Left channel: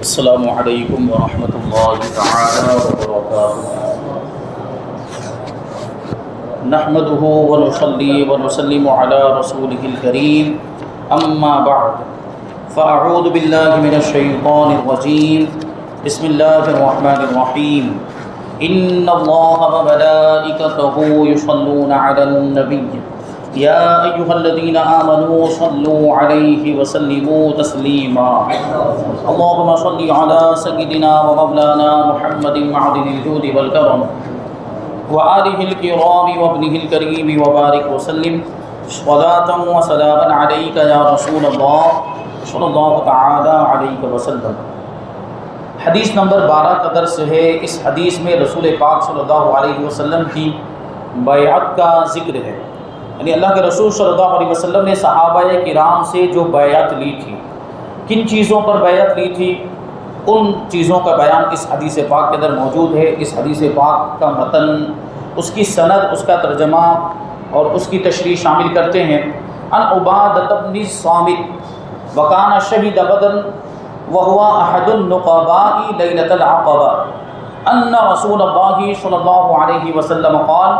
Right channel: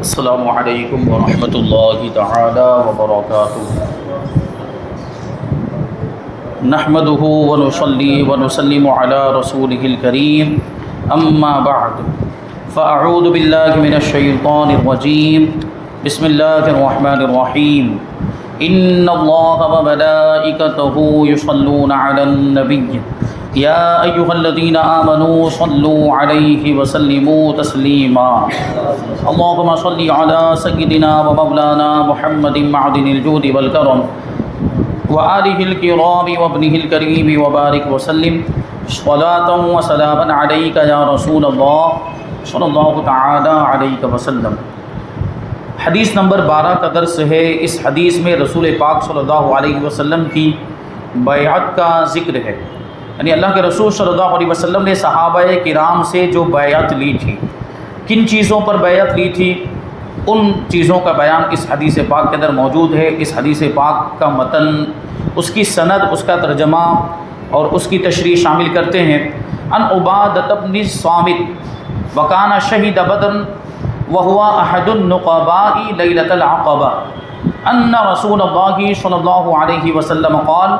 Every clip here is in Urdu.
السلام علیکم ورحمۃ اللہ تعالی وبرکاتہ۔ نحمده ونصلي ونسلم على رسوله الكريم اما بعد فاعوذ باللہ من الشیطان الرجیم بسم اللہ الرحمن الرحیم ان اللہ وملائکته یصلون علی النبی یا ایہا الذین آمنوا صلوا علیہ وسلموا تسلیما اللهم صل على سيدنا ومولانا محمد معدن الجود والكرم وآلہ الکرام وابنہ الکریم وبارک وسلم صلاۃ وسلاما علیک یا رسول اللہ صلی اللہ تعالی علیہ وسلم۔ حدیث نمبر 12 کا درس ہے۔ اس حدیث میں رسول پاک صلی اللہ علیہ وسلم کی بیعت کا ذکر ہے، یعنی اللہ کے رسول صلی اللہ علیہ وسلم نے صحابہ کرام سے جو بیعت لی تھی، کن چیزوں پر بیعت لی تھی، ان چیزوں کا بیان اس حدیث پاک کے اندر موجود ہے۔ اس حدیث پاک کا متن، اس کی سند، اس کا ترجمہ اور اس کی تشریح شامل کرتے ہیں۔ ان عبادۃ بن الصامت وکان شہید بدر وهو احد النقباء لیلۃ العقبہ ان رسول اللہ صلی اللہ علیہ وسلم قال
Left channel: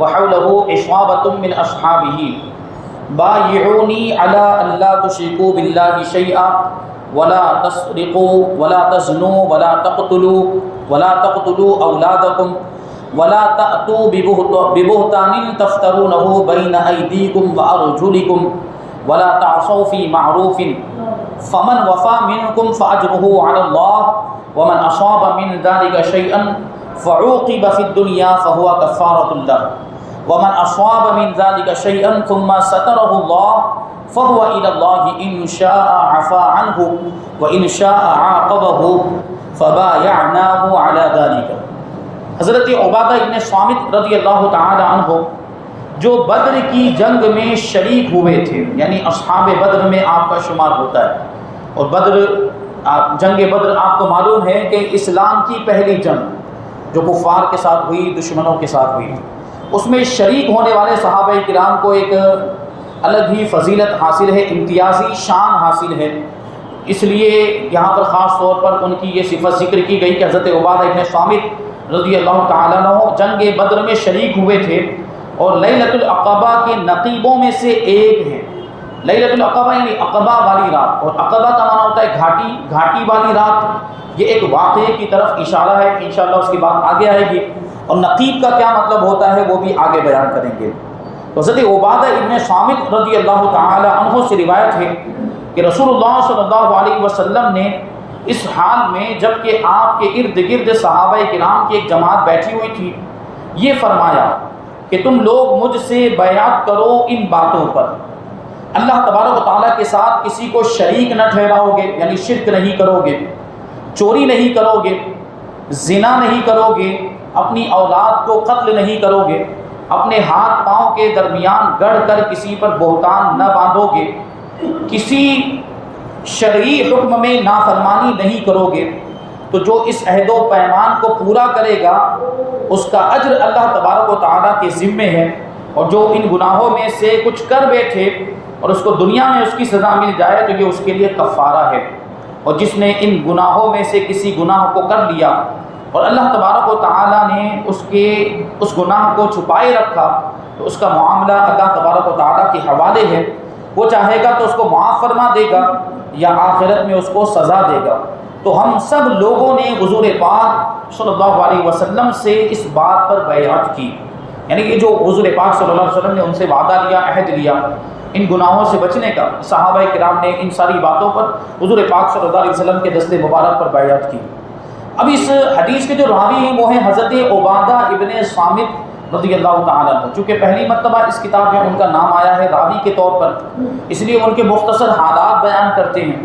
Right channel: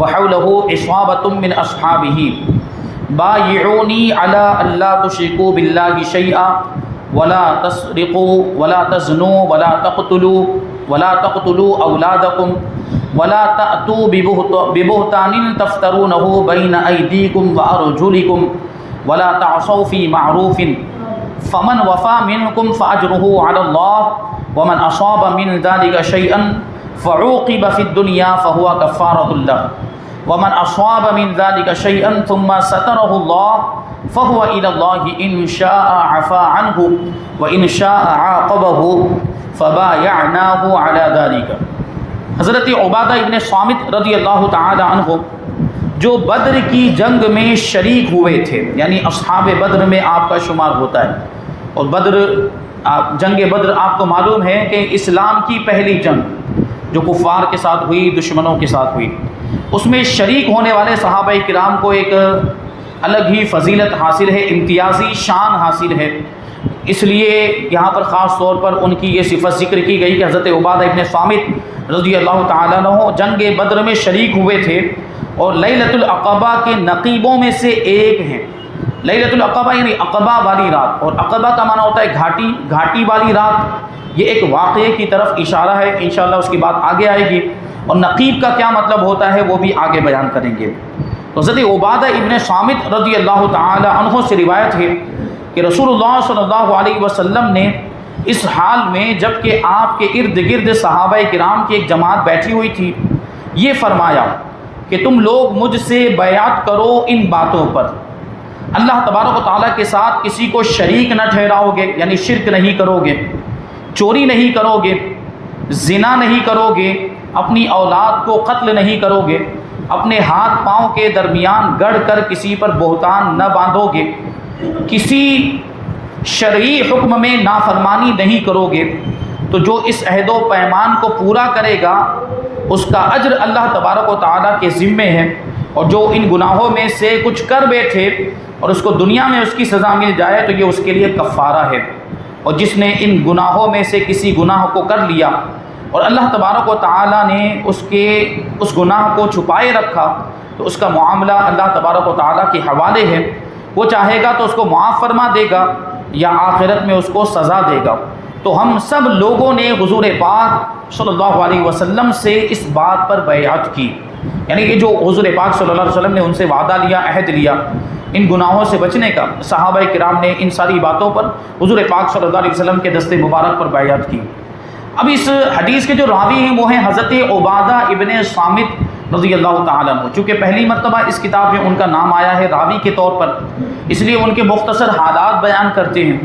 وحوله عصابۃ من اصحابہ بایعونی علی الا تشرکوا باللہ شیئا ولا تسرقوا ولا تزنوا ولا تقتلوا اولادکم ولا تأتوا ببہتان تفترونه بین ایدیکم وارجلکم ولا تعصوا فی معروف فمن وفى منكم فأجره على الله ومن أصاب من ذلك شيئا فعوقب في الدنيا فهو كفارة له ومن أصاب من ذلك شيئا ثم ستره الله فهو إلى الله إن شاء عفا عنه وإن شاء عاقبه فبايعناه على ذلك۔ حضرت عبادہ ابن صامت رضی اللہ تعالی عنہ جو بدر کی جنگ میں شریک ہوئے تھے، یعنی اصحاب بدر میں آپ کا شمار ہوتا ہے، اور جنگ بدر آپ کو معلوم ہے کہ اسلام کی پہلی جنگ جو کفار کے ساتھ ہوئی، دشمنوں کے ساتھ ہوئی، اس میں شریک ہونے والے صحابہ کرام کو ایک الگ ہی فضیلت حاصل ہے، امتیازی شان حاصل ہے۔ اس لیے یہاں پر خاص طور پر ان کی یہ صفت ذکر کی گئی کہ حضرت عبادہ ابن صامت رضی اللہ تعالیٰ عنہ جنگ بدر میں شریک ہوئے تھے اور لیلۃ العقبہ کے نقیبوں میں سے ایک ہیں۔ لیلۃ العقبہ یعنی عقبہ والی رات، اور عقبہ کا معنی ہوتا ہے گھاٹی والی رات۔ یہ ایک واقعے کی طرف اشارہ ہے، انشاءاللہ اس کی بات آگے آئے گی، اور نقیب کا کیا مطلب ہوتا ہے وہ بھی آگے بیان کریں گے۔ حضرت عبادہ ابن صامت رضی اللہ تعالی عنہ سے روایت ہے کہ رسول اللہ صلی اللہ علیہ وسلم نے اس حال میں جب کہ آپ کے ارد گرد صحابہ کرام کی ایک جماعت بیٹھی ہوئی تھی، یہ فرمایا کہ تم لوگ مجھ سے بیعت کرو ان باتوں پر، اللہ تبارک و تعالیٰ کے ساتھ کسی کو شریک نہ ٹھہراؤ گے، یعنی شرک نہیں کرو گے، چوری نہیں کرو گے، زنا نہیں کرو گے، اپنی اولاد کو قتل نہیں کرو گے، اپنے ہاتھ پاؤں کے درمیان گڑھ کر کسی پر بہتان نہ باندھو گے، کسی شرعی حکم میں نافرمانی نہیں کرو گے، تو جو اس عہد و پیمان کو پورا کرے گا اس کا اجر اللہ تبارک و تعالیٰ کے ذمے ہے، اور جو ان گناہوں میں سے کچھ کر بیٹھے اور اس کو دنیا میں اس کی سزا مل جائے تو یہ اس کے لیے کفارہ ہے، اور جس نے ان گناہوں میں سے کسی گناہ کو کر لیا اور اللہ تبارک و تعالیٰ نے اس گناہ کو چھپائے رکھا تو اس کا معاملہ اللہ تبارک و تعالیٰ کے حوالے ہے، وہ چاہے گا تو اس کو معاف فرما دے گا یا آخرت میں اس کو سزا دے گا۔ تو ہم سب لوگوں نے حضور پاک صلی اللہ علیہ وسلم سے اس بات پر بیعت کی، یعنی یہ جو حضور پاک صلی اللہ علیہ وسلم نے ان سے وعدہ لیا، عہد لیا ان گناہوں سے بچنے کا، صحابہ کرام نے ان ساری باتوں پر حضور پاک صلی اللہ علیہ وسلم کے دست مبارک پر بیعت کی۔ اب اس حدیث کے جو راوی ہیں وہ ہیں حضرت عبادہ ابن صامت رضی اللہ تعالیٰ عنہ۔ چونکہ پہلی مرتبہ اس کتاب میں ان کا نام آیا ہے راوی کے طور پر، اس لیے ان کے مختصر حالات بیان کرتے ہیں۔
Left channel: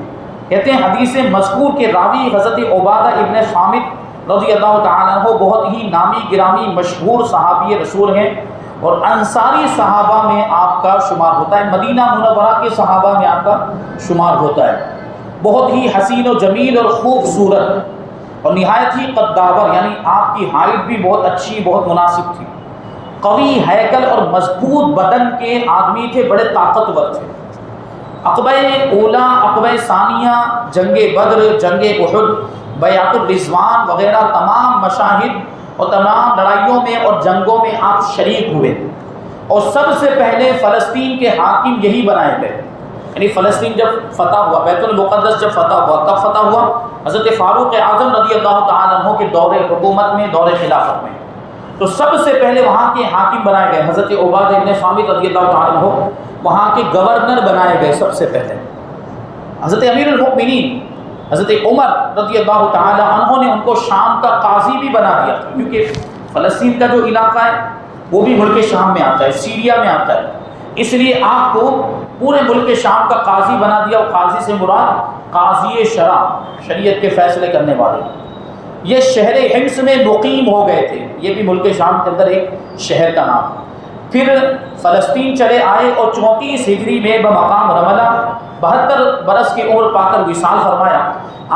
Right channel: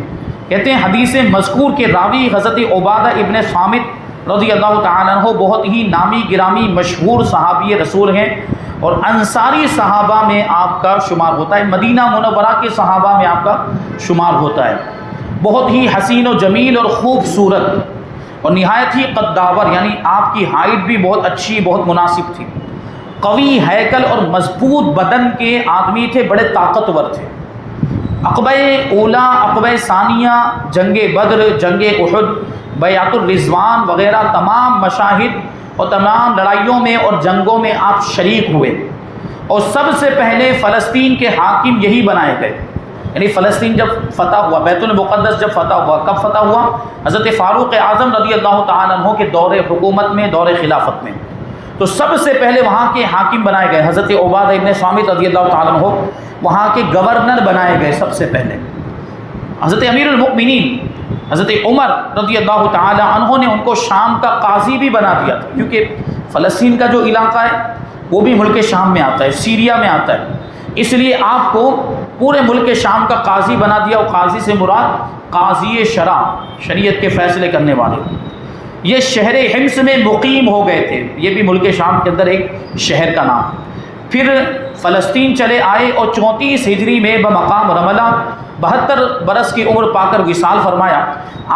کہتے ہیں حدیث مذکور کے راوی حضرت عبادہ ابن صامت رضی اللہ تعالیٰ عنہ بہت ہی نامی گرامی مشہور صحابی رسول ہیں، اور انصاری صحابہ میں آپ کا شمار ہوتا ہے، مدینہ منورہ کے صحابہ میں آپ کا شمار ہوتا ہے۔ بہت ہی حسین و جمیل اور خوبصورت اور نہایت ہی قداور، یعنی آپ کی ہائٹ بھی بہت اچھی، بہت مناسب تھی، قوی ہیکل اور مضبوط بدن کے آدمی تھے، بڑے طاقتور تھے، عقبہ اولا، عقبہ ثانیہ، جنگ بدر، جنگ احد، بیعت الرضوان وغیرہ تمام مشاہد اور تمام لڑائیوں میں اور جنگوں میں آپ شریک ہوئے، اور سب سے پہلے فلسطین کے حاکم یہی بنائے گئے۔ یعنی فلسطین جب فتح ہوا، بیت المقدس جب فتح ہوا، کب فتح ہوا؟ حضرت فاروق اعظم رضی اللہ تعالیٰ عنہ کے دور حکومت میں، دور خلافت میں۔ تو سب سے پہلے وہاں کے حاکم بنائے گئے، حضرت عبادہ ابن صامت رضی اللہ تعالیٰ عنہ وہاں کے گورنر بنائے گئے سب سے پہلے۔ حضرت امیر المؤمنین حضرت عمر رضی اللہ تعالیٰ عنہ نے ان کو شام کا قاضی بھی بنا دیا، کیونکہ فلسطین کا جو علاقہ ہے وہ بھی ملک شام میں آتا ہے، سیریا میں آتا ہے، اس لیے آپ کو پورے ملک شام کا قاضی بنا دیا۔ اور قاضی سے مراد قاضی شرع، شریعت کے فیصلے کرنے والے۔ یہ شہر حمص میں مقیم ہو گئے تھے، یہ بھی ملک شام کے اندر ایک شہر کا نام۔ پھر فلسطین چلے آئے اور 34 ہجری میں بمقام رملہ 72 برس کی عمر پا کر وصال فرمایا۔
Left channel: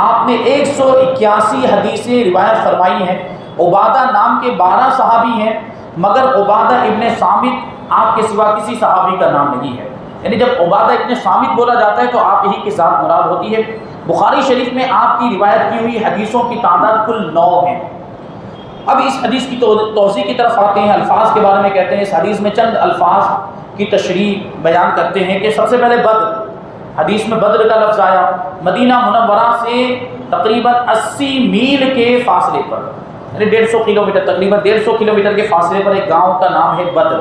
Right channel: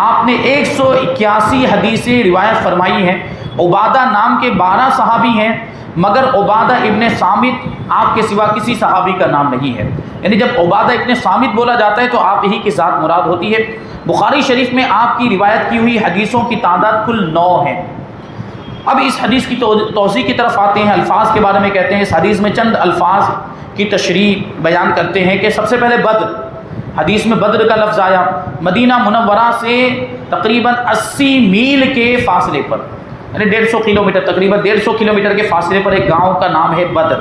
آپ نے 181 حدیثیں روایت فرمائی ہیں۔ عبادہ نام کے 12 صحابی ہیں، مگر عبادہ ابن صامت آپ کے سوا کسی صحابی کا نام نہیں ہے۔ یعنی جب عبادہ ابن صامت بولا جاتا ہے تو آپ ہی کی ذات مراد ہوتی ہے۔ بخاری شریف میں آپ کی روایت کی ہوئی حدیثوں کی تعداد کل 9 ہے۔ اب اس حدیث کی توضیح کی طرف آتے ہیں، الفاظ کے بارے میں کہتے ہیں۔ اس حدیث میں چند الفاظ کی تشریح بیان کرتے ہیں کہ سب سے پہلے بدر، حدیث میں بدر کا لفظ آیا۔ مدینہ منورہ سے تقریباً 80 میل کے فاصلے پر، یعنی 150 کلومیٹر، تقریباً 150 کلومیٹر کے فاصلے پر ایک گاؤں کا نام ہے بدر۔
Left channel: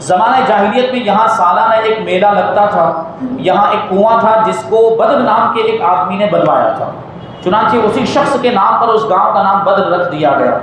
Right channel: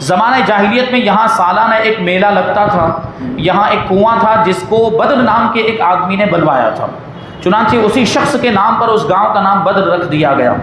زمانہ جاہلیت میں یہاں سالانہ ایک میلہ لگتا تھا، یہاں ایک کنواں تھا جس کو بدر نام کے ایک آدمی نے بنوایا تھا، چنانچہ اسی شخص کے نام پر اس گاؤں کا نام بدر رکھ دیا گیا۔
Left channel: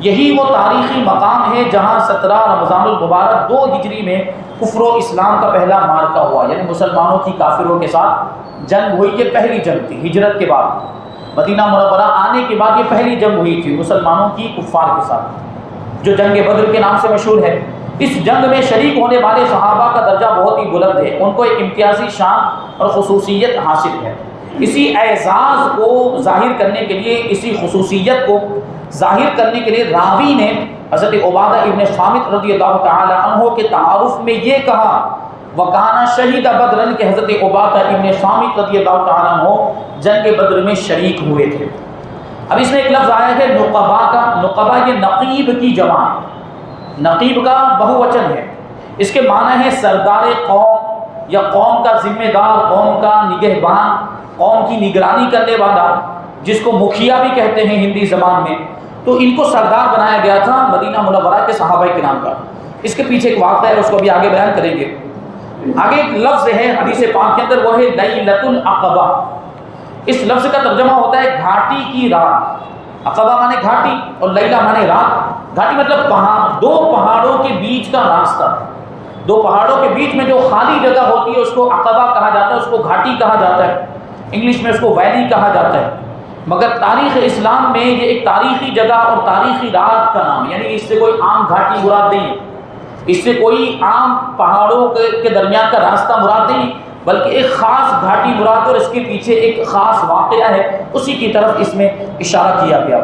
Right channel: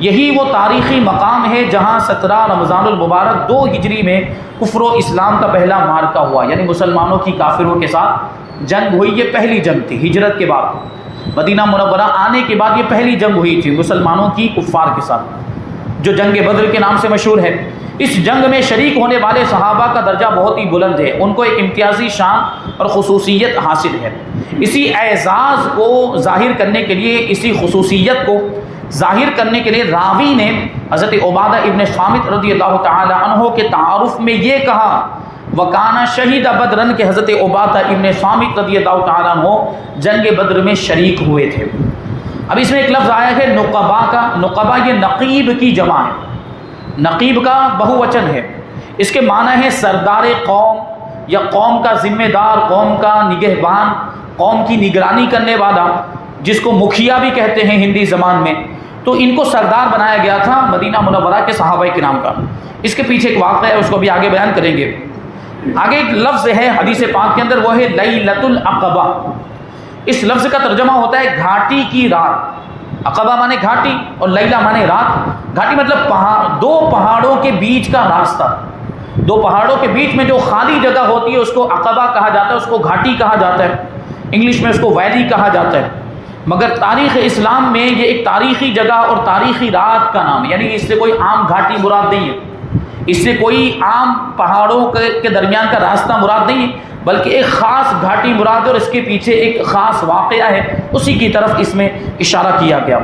یہی وہ تاریخی مقام ہے جہاں 17 رمضان المبارک 2 ہجری میں کفر و اسلام کا پہلا معرکہ ہوا، یعنی مسلمانوں کی کافروں کے ساتھ جنگ ہوئی۔ یہ پہلی جنگ تھی ہجرت کے بعد، مدینہ منورہ آنے کے بعد یہ پہلی جنگ ہوئی تھی مسلمانوں کی کفار کے ساتھ، جو جنگ بدر کے نام سے مشہور ہے۔ اس جنگ میں شریک ہونے والے صحابہ کا درجہ بہت ہی بلند ہے، ان کو ایک امتیازی شان اور خصوصیت حاصل ہے۔ اسی اعزاز کو ظاہر کرنے کے لیے، اسی خصوصیت کو ظاہر کرنے کے لیے راوی نے حضرت عبادہ ابن صامت رضی اللہ تعالی عنہ کے تعارف میں یہ کہا وکانا شہید بدرن کہ حضرت عبادہ ابن صامت رضی اللہ تعالی عنہ جنگ بدر میں شریک ہوئے تھے۔ اب اس میں ایک لفظ آیا ہے نقبہ کا۔ نقبہ یہ نقیب کی جمع ہے، نقیب کا بہووچن ہے۔ اس کے معنی ہے سردار قوم یا قوم کا ذمہ دار، قوم کا نگہبان، قوم کی نگرانی کرنے والا، جس کو مکھیا بھی کہتے ہیں ہندی زبان میں۔ تو ان کو سردار بنایا گیا تھا مدینہ منورہ کے صحابہ کرام کا۔ اس کے پیچھے ایک واقعہ ہے، اس کو بھی آگے بیان کریں گے۔ آگے ایک لفظ ہے حدیث پاک کے اندر، وہ ہے لیلۃ العقبہ۔ اس لفظ کا ترجمہ ہوتا ہے گھاٹی کی رات۔ عقبہ مانے گھاٹی اور لیلہ مانے رات۔ گھاٹی مطلب پہاڑ، 2 پہاڑوں کے بیچ کا راستہ، 2 پہاڑوں کے بیچ میں جو خالی جگہ ہوتی ہے اس کو عقبہ کہا جاتا ہے، اس کو گھاٹی کہا جاتا ہے، انگلش میں اس کو ویلی کہا جاتا ہے۔ مگر تاریخ اسلام میں یہ ایک تاریخی جگہ اور تاریخی رات کا نام ہے، یعنی اس سے کوئی عام گھاٹی مراد نہیں ہے، اس سے کوئی عام پہاڑوں کے درمیان کا راستہ مراد نہیں ہے، بلکہ ایک خاص گھاٹی مراد ہے اور اس کے پیچھے ایک خاص واقعہ ہے، اسی کی طرف اس میں اشارہ کیا گیا۔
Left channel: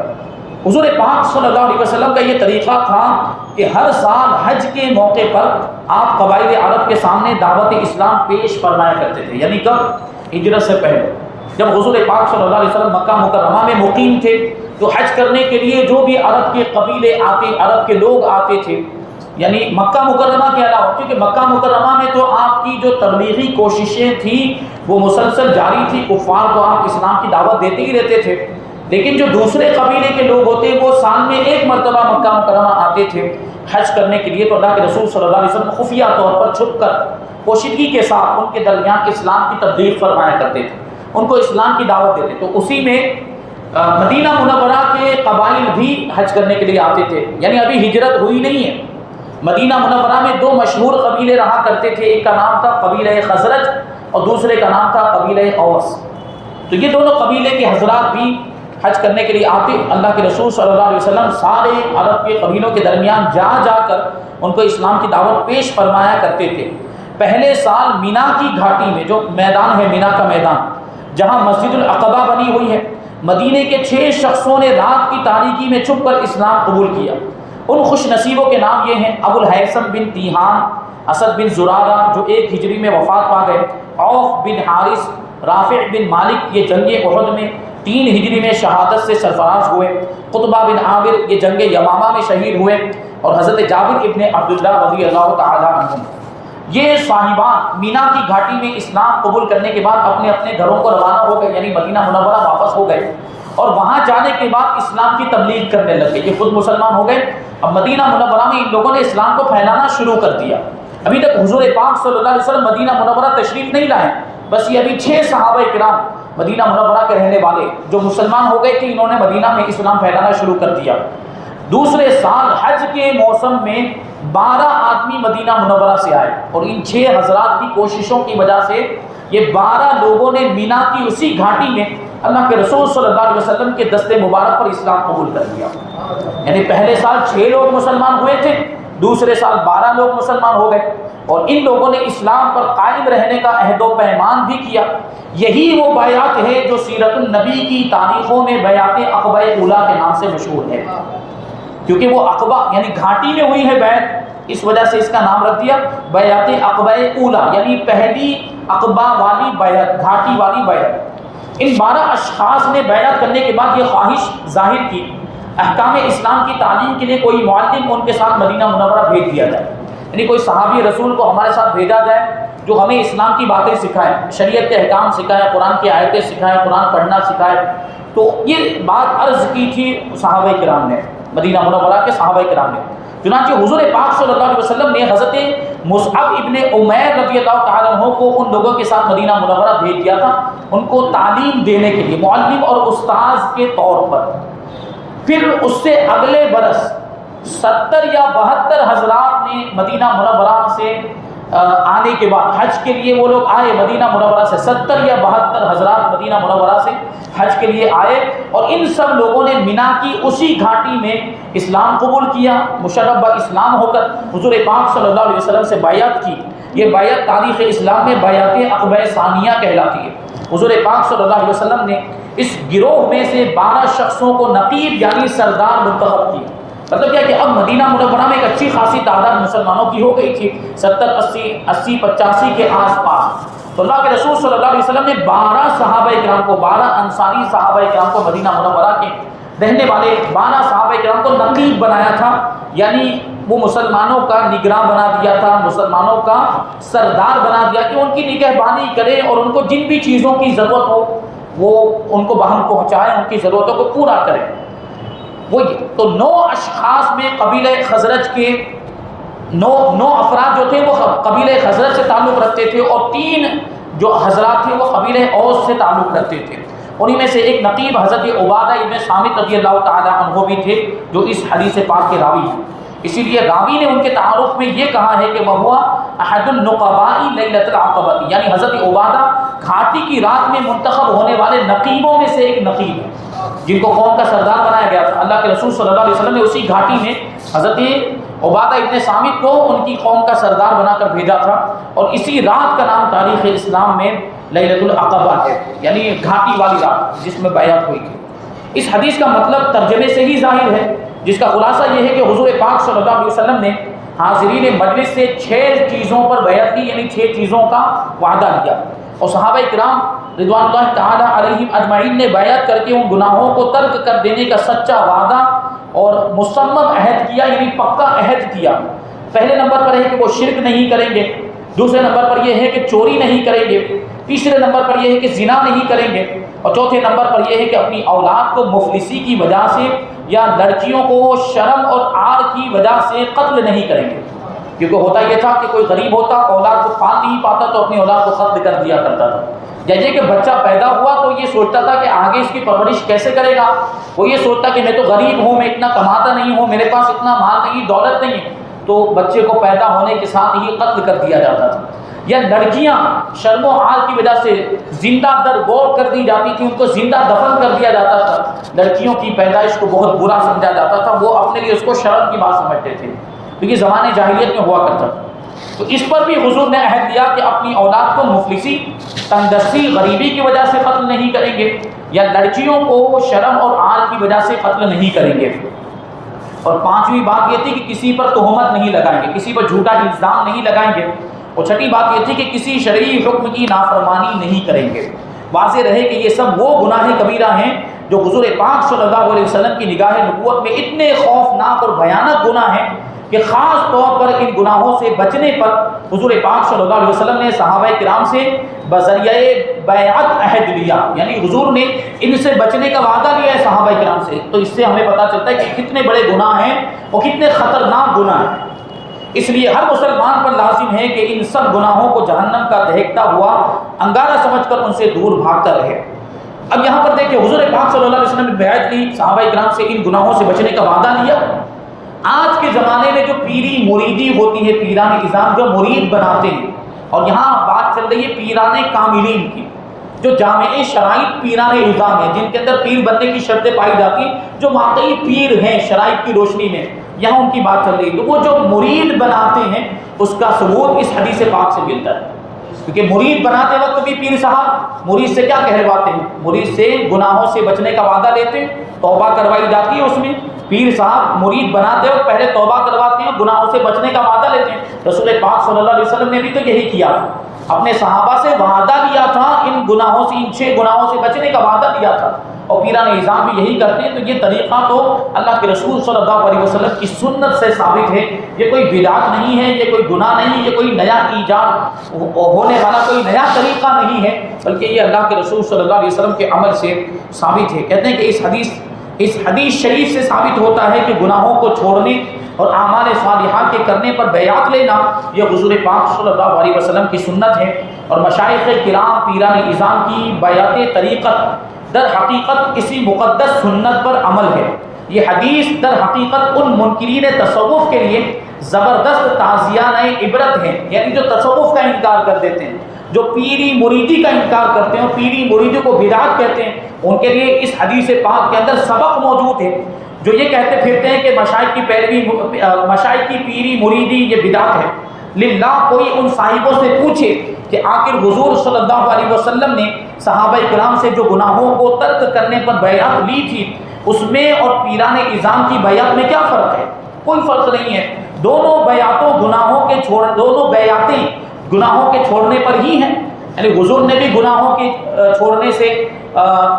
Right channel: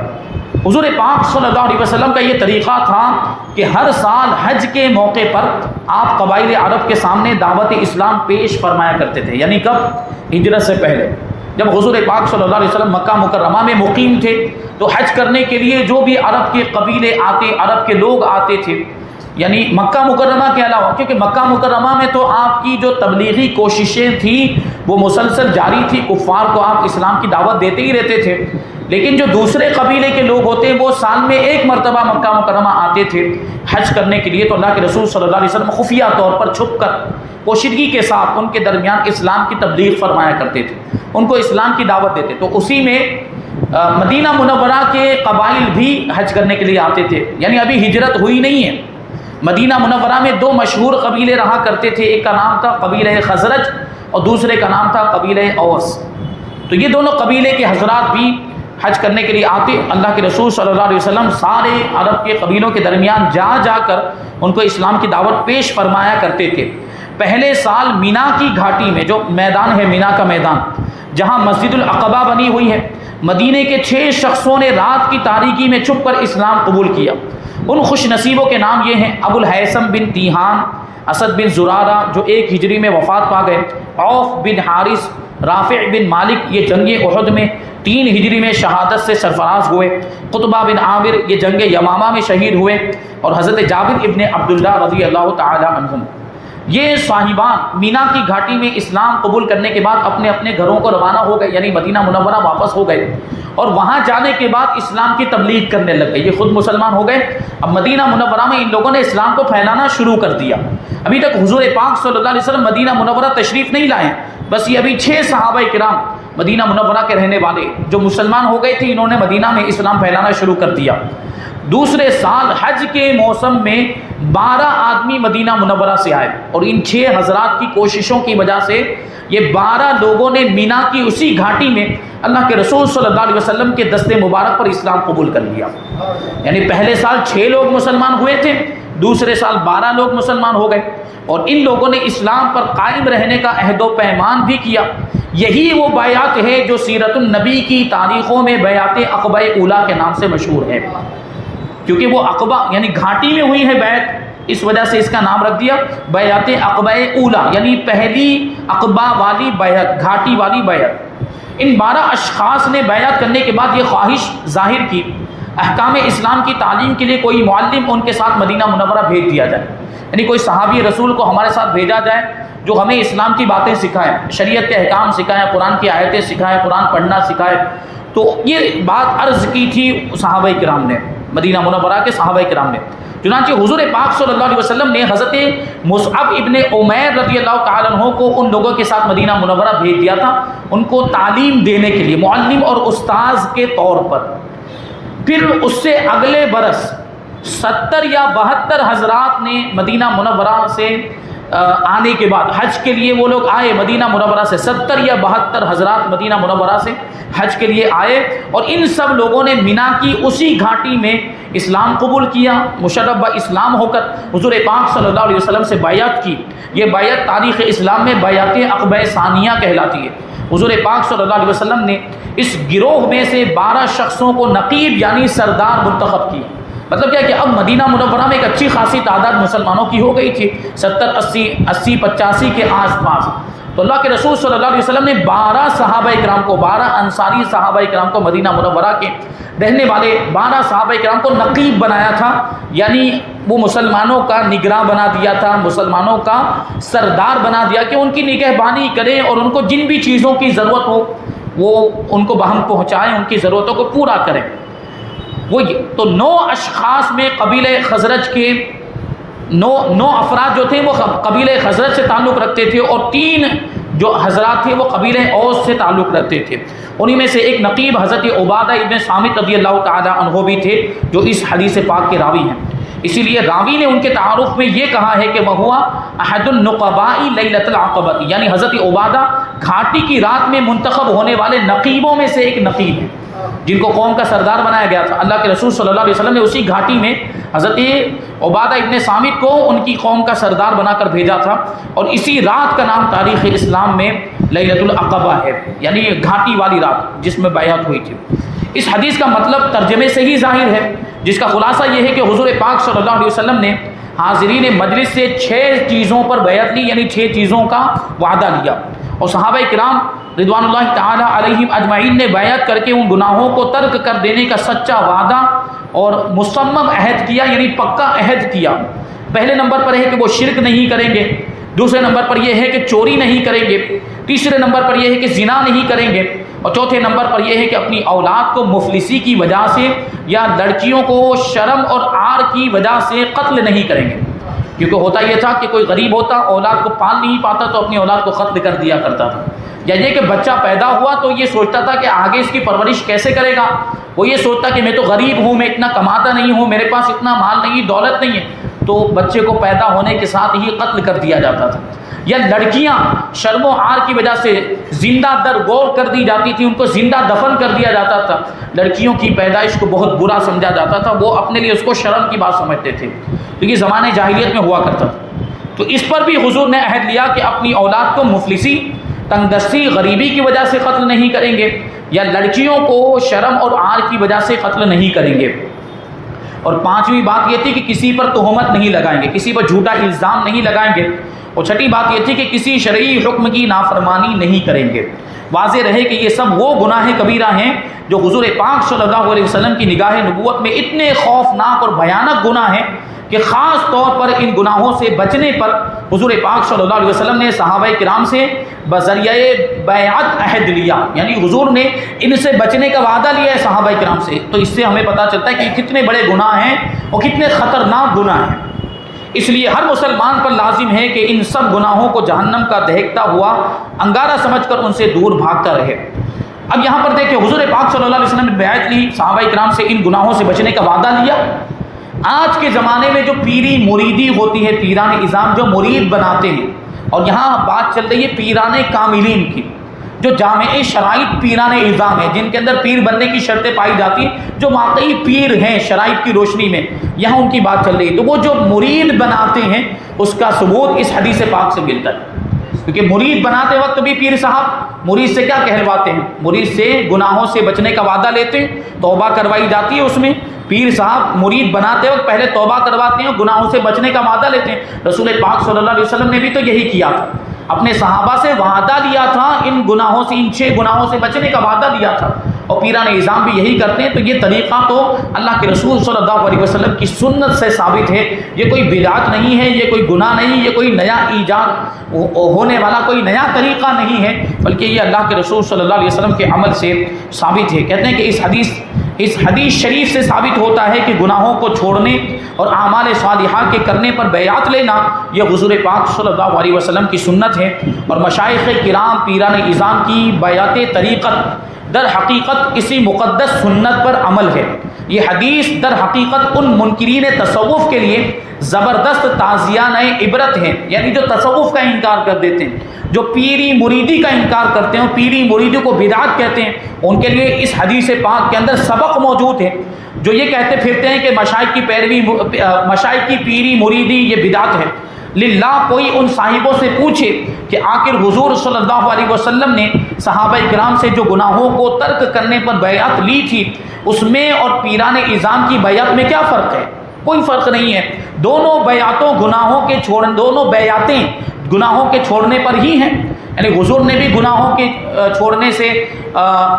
حضور پاک صلی اللہ علیہ وسلم کا یہ طریقہ تھا کہ ہر سال حج کے موقع پر آپ قبائل عرب کے سامنے دعوت اسلام پیش فرمایا کرتے تھے۔ یعنی کب؟ ہجرت سے پہلے، جب حضور پاک صلی اللہ علیہ وسلم مکہ مکرمہ میں مقیم تھے تو حج کرنے کے لیے جو بھی عرب کے قبیلے آتے، عرب کے لوگ آتے تھے، یعنی مکہ مکرمہ کے علاوہ، کیونکہ مکہ مکرمہ میں تو آپ کی جو تبلیغی کوششیں تھیں وہ مسلسل جاری تھی، کفار کو آپ اسلام کی دعوت دیتے ہی رہتے تھے، لیکن جو دوسرے قبیلے کے لوگ ہوتے وہ سال میں 1 مرتبہ مکہ مکرمہ آتے تھے حج کرنے کے لیے، تو اللہ کے رسول صلی اللہ علیہ وسلم خفیہ طور پر چھپ کر پوشیدگی کے ساتھ ان کے درمیان اسلام کی تبلیغ فرمایا کرتے تھے، ان کو اسلام کی دعوت دیتے۔ تو اسی میں مدینہ منورہ کے قبائل بھی حج کرنے کے لیے آتے تھے، یعنی ابھی ہجرت ہوئی نہیں ہے۔ مدینہ منورہ میں 2 مشہور قبیلے رہا کرتے تھے، ایک کا نام تھا قبیلہ خزرج اور دوسرے کا نام تھا قبیلہ اوس۔ تو یہ دونوں قبیلے کے حضرات بھی حج کرنے کے لیے آتے، اللہ کے رسول صلی اللہ علیہ وسلم سارے عرب کے قبیلوں کے درمیان جا جا کر ان کو اسلام کی دعوت پیش فرمایا کرتے تھے۔ پہلے سال مینا کی گھاٹی میں، جو میدان ہے مینا کا میدان، جہاں مسجد العقبہ بنی ہوئی ہے، مدینے کے 6 شخصوں نے رات کی تاریکی میں چھپ کر اسلام قبول کیا۔ ان خوش نصیبوں کے نام یہ ہیں: ابو الہیثم بن تیہان، اسد بن زرارہ جو 1 ہجری میں وفات پا گئے، عوف بن حارث، رافع بن مالک یہ جنگ احد میں 3 ہجری میں شہادت سے سرفراز ہوئے، قطبہ بن عامر یہ جنگ یمامہ میں شہید ہوئے، اور حضرت جابر ابن عبداللہ رضی اللہ تعالی عنہم یہ صاحبان مینا کی گھاٹی میں اسلام قبول کرنے کے بعد اپنے اپنے گھروں کو روانہ ہو گئے، یعنی مدینہ منورہ واپس ہو گئے، اور وہاں جانے کے بعد اسلام کی تبلیغ کرنے لگ گئے۔ یہ خود مسلمان ہو گئے۔ اب مدینہ منورہ میں ان لوگوں نے اسلام کو پھیلانا شروع کر دیا۔ ابھی تک حضور پاک صلی اللہ علیہ وسلم مدینہ منورہ تشریف نہیں لائے، بس یہ ابھی 6 صحابہ کرام مدینہ منورہ کے رہنے والے جو مسلمان ہو گئے تھے، انہوں نے مدینہ میں اسلام پھیلانا شروع کر دیا۔ دوسرے سال حج کے موسم میں 12 آدمی مدینہ منورہ سے آئے، اور ان 6 حضرات کی کوششوں کی وجہ سے یہ 12 لوگوں نے مینا کی اسی گھاٹی میں اللہ کے رسول صلی اللہ علیہ وسلم کے دست مبارک پر اسلام قبول کر لیا۔ یعنی پہلے سال 6 لوگ مسلمان ہوئے تھے، دوسرے سال 12 لوگ مسلمان ہو گئے، اور ان لوگوں نے اسلام پر قائم رہنے کا عہد و پیمان بھی کیا۔ یہی وہ بیعت ہے جو سیرت النبی کی تاریخوں میں بیعت عقبہ اولیٰ کے نام سے مشہور ہے، کیونکہ وہ عقبہ یعنی گھاٹی میں ہوئی ہے بیعت، اس وجہ سے اس کا نام رکھ دیا بیعت عقبہ اولیٰ، یعنی پہلی عقبہ والی بیعت، گھاٹی والی بیعت۔ ان 12 اشخاص نے بیعت کرنے کے بعد یہ خواہش ظاہر کی احکام اسلام کی تعلیم کے لیے کوئی معلم ان کے ساتھ مدینہ منورہ بھیج دیا جائے، یعنی کوئی صحابی رسول کو ہمارے ساتھ بھیجا جائے جو ہمیں اسلام کی باتیں سکھائے، شریعت کے احکام سکھائے، قرآن کی آیتیں سکھائے، قرآن پڑھنا سکھائے۔ تو یہ بات عرض کی تھی صحابہ کرام نے، مدینہ منورہ کے صحابہ کرام نے۔ چنانچہ حضور پاک صلی اللہ علیہ وسلم نے حضرت مصعب ابن عمیر رضی اللہ تعالیٰ عنہ کو ان لوگوں کے ساتھ مدینہ منورہ بھیج دیا تھا، ان کو تعلیم دینے کے لیے معلم اور استاذ کے طور پر۔ پھر اس سے اگلے برس 70 یا 72 حضرات نے مدینہ منورہ سے آنے کے بعد حج کے لیے وہ لوگ آئے مدینہ منورہ سے، 70 یا 72 حضرات مدینہ منورہ سے حج کے لیے آئے، اور ان سب لوگوں نے مینا کی اسی گھاٹی میں اسلام قبول کیا، مشرف اسلام ہو کر حضور پاک صلی اللہ علیہ وسلم سے بیعت کی۔ یہ بیعت تاریخ اسلام میں بیعت عقبہ ثانیہ کہلاتی ہے۔ حضور پاک صلی اللہ علیہ وسلم نے اس گروہ میں سے 12 شخصوں کو نقیب یعنی سردار منتخب کی۔ مطلب کیا کہ اب مدینہ منورہ میں ایک اچھی خاصی تعداد مسلمانوں کی ہو گئی تھی، 70 80 85 کے آس پاس۔ تو اللہ کے رسول صلی اللہ علیہ وسلم نے 12 صحابہ کرام کو، 12 انصاری صحابہ کرام کو، مدینہ منورہ کے رہنے والے 12 صحابہ کرام کو نقیب بنایا تھا، یعنی وہ مسلمانوں کا نگراں بنا دیا تھا، مسلمانوں کا سردار بنا دیا کہ ان کی نگہبانی کرے اور ان کو جن بھی چیزوں کی ضرورت ہو وہ ان کو بہم پہنچائیں، ان کی ضرورتوں کو پورا کریں۔ وہ تو 9 اشخاص میں قبیلہ خزرج کے 9 افراد جو تھے وہ قبیلہ خزرج سے تعلق رکھتے تھے، اور 3 جو حضرات تھے وہ قبیلہ اوس سے تعلق رکھتے تھے۔ انہی میں سے ایک نقیب حضرت عبادہ ابن صامت رضی اللہ تعالی عنہ بھی تھے جو اس حدیث پاک کے راوی ہیں۔ اسی لیے راوی نے ان کے تعارف میں یہ کہا ہے کہ وہ احد النقباء لیلۃ العقبہ، یعنی حضرت عبادہ گھاٹی کی رات میں منتخب ہونے والے نقیبوں میں سے ایک نقیب ہے جن کو قوم کا سردار بنایا گیا تھا۔ اللہ کے رسول صلی اللہ علیہ وسلم نے اسی گھاٹی میں حضرت عبادہ ابن صامت کو ان کی قوم کا سردار بنا کر بھیجا تھا، اور اسی رات کا نام تاریخ اسلام میں لیلۃ العقبہ ہے، یعنی گھاٹی والی رات جس میں بیعت ہوئی تھی۔ اس حدیث کا مطلب ترجمے سے ہی ظاہر ہے، جس کا خلاصہ یہ ہے کہ حضور پاک صلی اللہ علیہ وسلم نے حاضرین مجلس سے 6 چیزوں پر بیعت لی، یعنی 6 چیزوں کا وعدہ لیا، اور صحابہ کرام رضوان اللہ تعالی علیہم اجمعین نے بیعت کر کے ان گناہوں کو ترک کر دینے کا سچا وعدہ اور مصمم عہد کیا، یعنی پکا عہد کیا۔ پہلے نمبر پر ہے کہ وہ شرک نہیں کریں گے، دوسرے نمبر پر یہ ہے کہ چوری نہیں کریں گے، تیسرے نمبر پر یہ ہے کہ زنا نہیں کریں گے، اور چوتھے نمبر پر یہ ہے کہ اپنی اولاد کو مفلسی کی وجہ سے یا لڑکیوں کو شرم اور عار کی وجہ سے قتل نہیں کریں گے، کیونکہ ہوتا یہ تھا کہ کوئی غریب ہوتا اولاد کو پال نہیں پاتا تو اپنی اولاد کو قتل کر دیا کرتا تھا، یا یہ کہ بچہ پیدا ہوا تو یہ سوچتا تھا کہ آگے اس کی پرورش کیسے کرے گا، وہ یہ سوچتا کہ میں تو غریب ہوں، میں اتنا کماتا نہیں ہوں، میرے پاس اتنا مال نہیں، دولت نہیں ہے، تو بچے کو پیدا ہونے کے ساتھ ہی قتل کر دیا جاتا تھا۔ یا لڑکیاں شرم و عار کی وجہ سے زندہ درگور کر دی جاتی تھی، ان کو زندہ دفن کر دیا جاتا تھا، لڑکیوں کی پیدائش کو بہت برا سمجھا جاتا تھا، وہ اپنے لیے اس کو شرم کی بات سمجھتے تھے، تو یہ زمانے جاہلیت میں ہوا کرتا تھا۔ تو اس پر بھی حضور نے عہد لیا کہ اپنی اولاد کو مفلسی، تنگدستی، غریبی کی وجہ سے قتل نہیں کریں گے، یا لڑکیوں کو شرم اور عار کی وجہ سے قتل نہیں کریں گے۔ اور پانچویں بات یہ تھی کہ کسی پر تہمت نہیں لگائیں گے، کسی پر جھوٹا الزام نہیں لگائیں گے، اور چھٹی بات یہ تھی کہ کسی شرعی حکم کی نافرمانی نہیں کریں گے۔ واضح رہے کہ یہ سب وہ گناہ کبیرہ ہیں جو حضور پاک صلی اللہ علیہ وسلم کی نگاہ نبوت میں اتنے خوفناک اور بھیانک گناہ ہیں کہ خاص طور پر ان گناہوں سے بچنے پر حضور پاک صلی اللہ علیہ وسلم نے صحابہ کرام سے بذریعہ بیعت عہد لیا، یعنی حضور نے ان سے بچنے کا وعدہ لیا ہے صحابہ کرام سے۔ تو اس سے ہمیں پتہ چلتا ہے کہ کتنے بڑے گناہ ہیں اور کتنے خطرناک گناہ ہیں۔ اس لیے ہر مسلمان پر لازم ہے کہ ان سب گناہوں کو جہنم کا دہکتا ہوا انگارہ سمجھ کر ان سے دور بھاگ کر رہے۔ اب یہاں پر دیکھیں حضور پاک صلی اللہ علیہ وسلم نے بیعت لی، صحابہ کرام سے ان گناہوں سے بچنے کا وعدہ لیا۔ آج کے زمانے میں جو پیری مریدی ہوتی ہے، پیران اعظام جو مرید بناتے ہیں، اور یہاں بات چل رہی ہے پیران کاملین کی، جو جامع شرائط پیران اعظام ہیں، جن کے اندر پیر بننے کی شرطیں پائی جاتی ہیں، جو واقعی پیر ہیں شرائط کی روشنی میں، یہاں ان کی بات چل رہی ہے۔ تو وہ جو مرید بناتے ہیں اس کا ثبوت اس حدیث پاک سے ملتا ہے، کیونکہ مرید بناتے وقت بھی پیر صاحب مرید سے کیا کہلواتے ہیں؟ مرید سے گناہوں سے بچنے کا وعدہ لیتے ہیں، توبہ کروائی جاتی ہے اس میں۔ پیر صاحب مرید بناتے وقت پہلے توبہ کرواتے ہیں، گناہوں سے بچنے کا وعدہ لیتے ہیں۔ رسول پاک صلی اللہ علیہ وسلم نے بھی تو یہی کیا تھا، اپنے صحابہ سے وعدہ لیا تھا، ان گناہوں سے، ان 6 گناہوں سے بچنے کا وعدہ لیا تھا، اور پیران اعظام بھی یہی کرتے ہیں۔ تو یہ طریقہ تو اللہ کے رسول صلی اللہ علیہ وسلم کی سنت سے ثابت ہے، یہ کوئی بدعت نہیں ہے، یہ کوئی گناہ نہیں، یہ کوئی نیا ایجاد ہونے والا کوئی نیا طریقہ نہیں ہے، بلکہ یہ اللہ کے رسول صلی اللہ علیہ وسلم کے عمل سے ثابت ہے۔ کہتے ہیں کہ اس حدیث شریف سے ثابت ہوتا ہے کہ گناہوں کو چھوڑنے اور اعمال صالحہ کے کرنے پر بیعت لینا یہ حضور پاک صلی اللہ علیہ وسلم کی سنت ہے، اور مشائخ کرام پیران اعظام کی بیعت طریقت در حقیقت اسی مقدس سنت پر عمل ہے۔ یہ حدیث در حقیقت ان منکرین تصوف کے لیے زبردست تعزیانہ عبرت ہے، یعنی جو تصوف کا انکار کر دیتے ہیں، جو پیری مریدی کا انکار کرتے ہیں، پیری مریدی کو بدعت کہتے ہیں، ان کے لیے اس حدیث پاک کے اندر سبق موجود ہے۔ جو یہ کہتے پھرتے ہیں کہ مشائخ کی پیروی، مشائخ کی پیری مریدی یہ بدعت ہے، للہ کوئی ان صاحبوں سے پوچھے کہ آخر حضور صلی اللہ علیہ وسلم نے صحابہ کرام سے جو گناہوں کو ترک کرنے پر بیعت لی تھی، اس میں اور پیران اعظام کی بیعت میں کیا فرق ہے؟ کوئی فرق نہیں ہے، دونوں بیعتوں دونوں بیعتیں گناہوں کے چھوڑنے پر ہی ہیں۔ یعنی حضور نے بھی گناہوں کے چھوڑنے سے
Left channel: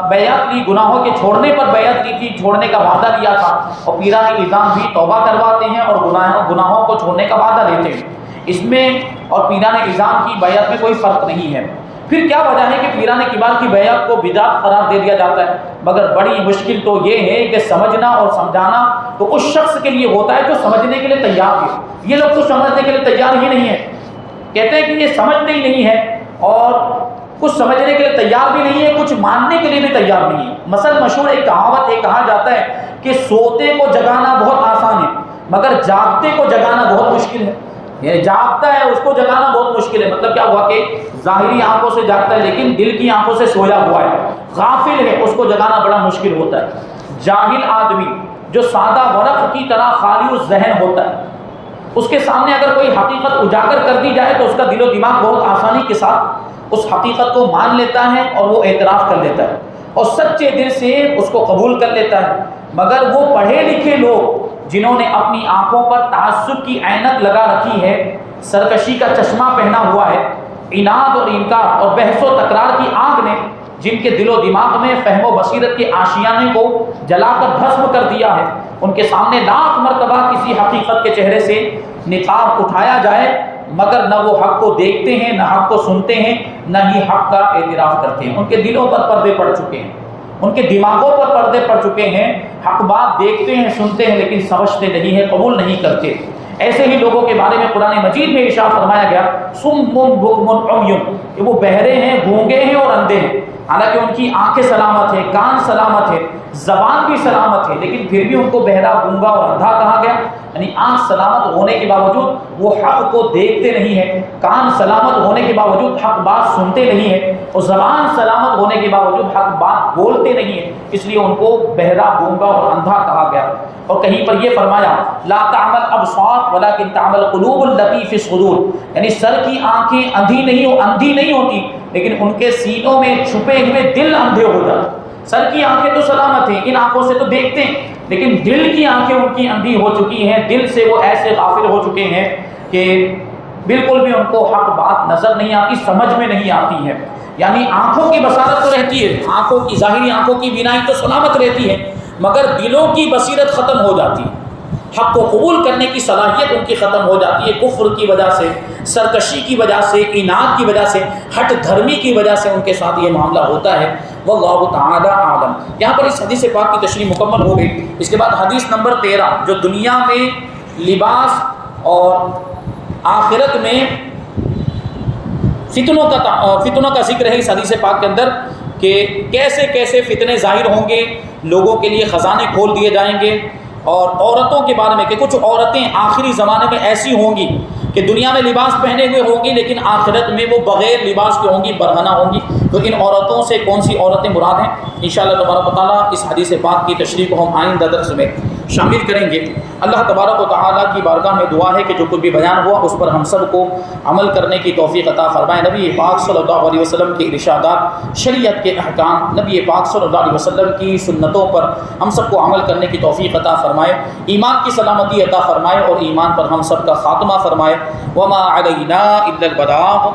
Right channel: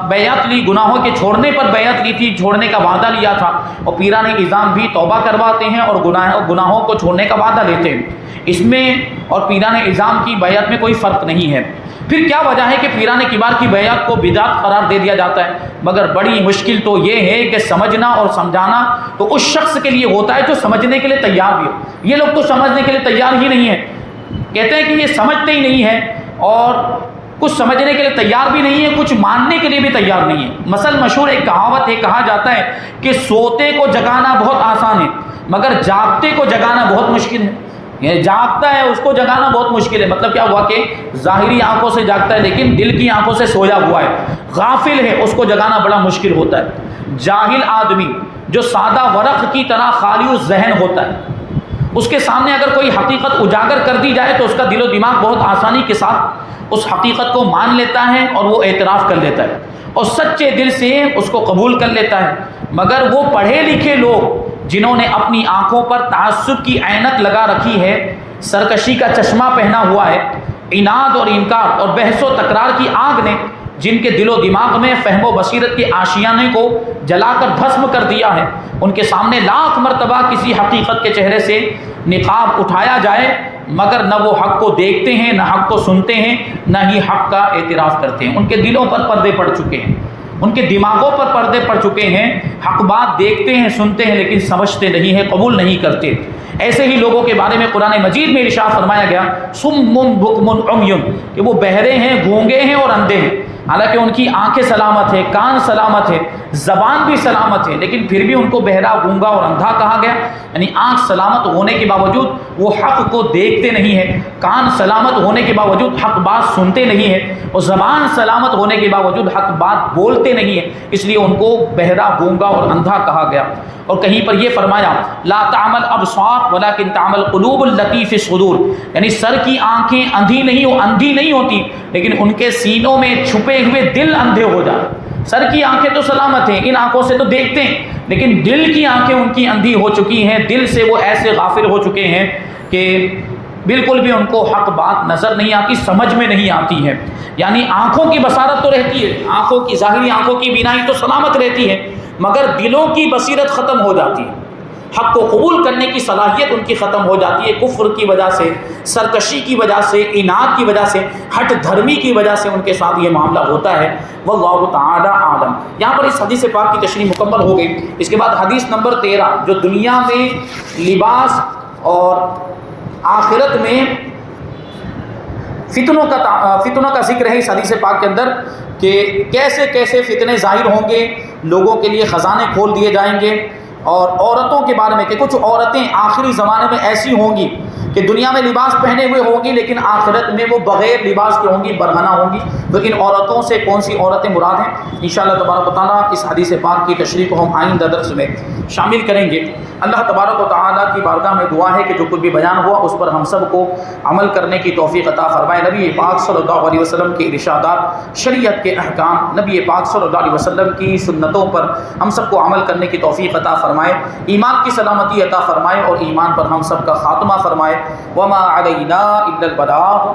بیعت لی، گناہوں کے چھوڑنے پر بیعت لی تھی، چھوڑنے کا وعدہ لیا تھا، اور پیران اعظام بھی توبہ کرواتے ہیں اور گناہوں کو چھوڑنے کا وعدہ لیتے ہیں۔ اس میں اور پیران اعظام کی بیعت میں کوئی فرق نہیں ہے۔ پھر کیا وجہ ہے کہ پیران کبار کی بیعت کو بدعت قرار دے دیا جاتا ہے؟ مگر بڑی مشکل تو یہ ہے کہ سمجھنا اور سمجھانا تو اس شخص کے لیے ہوتا ہے جو سمجھنے کے لیے تیار ہے۔ یہ لوگ تو سمجھنے کے لیے تیار ہی نہیں ہے، کہتے ہیں کہ یہ سمجھتے ہی نہیں ہے، اور کچھ سمجھنے کے لیے تیار بھی نہیں ہے، کچھ ماننے کے لیے بھی تیار نہیں ہے۔ مثل مشہور ایک کہاوت ہے، کہا جاتا ہے کہ سوتے کو جگانا بہت آسان ہے مگر جاگتے کو جگانا بہت مشکل ہے۔ یہ جاگتا ہے اس کو جگانا بہت مشکل ہے، مطلب کیا ہوا کہ ظاہری آنکھوں سے جاگتا ہے لیکن دل کی آنکھوں سے سویا ہوا ہے، غافل ہے، اس کو جگانا بڑا مشکل ہوتا ہے۔ جاہل آدمی جو سادہ ورق کی طرح خالی ذہن ہوتا ہے، اس کے سامنے اگر کوئی حقیقت اجاگر کر دی جائے تو اس کا دل و دماغ بہت آسانی کے ساتھ اس حقیقت کو مان لیتا ہے اور وہ اعتراف کر لیتا ہے اور سچے دل سے اس کو قبول کر لیتا ہے۔ مگر وہ پڑھے لکھے لوگ جنہوں نے اپنی آنکھوں پر تعصب کی عینت لگا رکھی ہے، سرکشی کا چشمہ پہنا ہوا ہے، عناد اور انکار اور بحث و تکرار کی آگ نے جن کے دل و دماغ میں فہم و بصیرت کے آشیانے کو جلا کر بھسم کر دیا ہے، ان کے سامنے لاکھ مرتبہ کسی حقیقت کے چہرے سے نقاب اٹھایا جائے مگر نہ وہ حق کو دیکھتے ہیں، نہ حق کو سنتے ہیں، نہ ہی حق کا اعتراف کرتے ہیں۔ ان کے دلوں پر پردے پڑ چکے ہیں، ان کے دماغوں پر پردے پڑ چکے ہیں، حق بات دیکھتے ہیں، سنتے ہیں لیکن سمجھتے نہیں ہیں، قبول نہیں کرتے۔ ایسے ہی لوگوں کے بارے میں قرآن مجید میں ارشاد فرمایا گیا صم بکم عمی، کہ وہ بہرے ہیں، گونگے ہیں اور اندھے ہیں، حالانکہ ان کی آنکھیں سلامت ہیں، کان سلامت ہے، زبان بھی سلامت ہے، لیکن پھر بھی ان کو بہرا، گونگا اور اندھا کہا گیا۔ یعنی آنکھ سلامت ہونے کے باوجود وہ حق کو دیکھتے نہیں ہیں، کان سلامت ہونے کے باوجود حق بات سنتے نہیں ہیں، اور زبان سلامت ہونے کے باوجود حق بات بولتے نہیں ہیں، اس لیے ان کو بہرا، گونگا اور اندھا کہا گیا۔ اور کہیں پر یہ فرمایا لا تعمل ابصار ولکن تعمل قلوب التي في الصدور، یعنی سر کی آنکھیں اندھی نہیں ہوتی لیکن ان کے سینوں میں چھپے ہوئے دل اندھے ہو جاتے۔ سر کی آنکھیں تو سلامت ہیں، ان آنکھوں سے تو دیکھتے ہیں، لیکن دل کی آنکھیں ان کی اندھی ہو چکی ہیں، دل سے وہ ایسے غافل ہو چکے ہیں کہ بالکل بھی ان کو حق بات نظر نہیں آتی، سمجھ میں نہیں آتی ہے۔ یعنی آنکھوں کی بصارت تو رہتی ہے، آنکھوں کی ظاہری آنکھوں کی بینائی تو سلامت رہتی ہے، مگر دلوں کی بصیرت ختم ہو جاتی ہے، حق کو قبول کرنے کی صلاحیت ان کی ختم ہو جاتی ہے، کفر کی وجہ سے، سرکشی کی وجہ سے، اناد کی وجہ سے، ہٹ دھرمی کی وجہ سے ان کے ساتھ یہ معاملہ ہوتا ہے۔ واللہ تعالی اعلم۔ یہاں پر اس حدیث پاک کی تشریح مکمل ہو گئی۔ اس کے بعد حدیث نمبر 13 جو دنیا میں لباس اور آخرت میں فتنوں کا ذکر ہے اس حدیث پاک کے اندر، کہ کیسے کیسے فتنے ظاہر ہوں گے، لوگوں کے لیے خزانے کھول دیے جائیں گے، اور عورتوں کے بارے میں کہ کچھ عورتیں آخری زمانے میں ایسی ہوں گی کہ دنیا میں لباس پہنے ہوئے ہوں گی لیکن آخرت میں وہ بغیر لباس کے ہوں گی، برہنہ ہوں گی۔ لیکن عورتوں سے کون سی عورتیں مراد ہیں، انشاءاللہ تبارک و تعالیٰ اس حدیث پاک کی تشریح کو ہم آئندہ درس میں شامل کریں گے۔ اللہ تبارک و تعالیٰ کی بارگاہ میں دعا ہے کہ جو کچھ بھی بیان ہوا اس پر ہم سب کو عمل کرنے کی توفیق عطا فرمائے۔ نبی پاک صلی اللہ علیہ وسلم کے ارشادات، شریعت کے احکام، نبی پاک صلی اللہ علیہ وسلم کی سنتوں پر ہم سب کو عمل کرنے کی توفیق عطا فرمائے، ایمان کی سلامتی عطا فرمائے اور ایمان پر ہم سب کا خاتمہ فرمائے۔ وما علینا الا البلاغ۔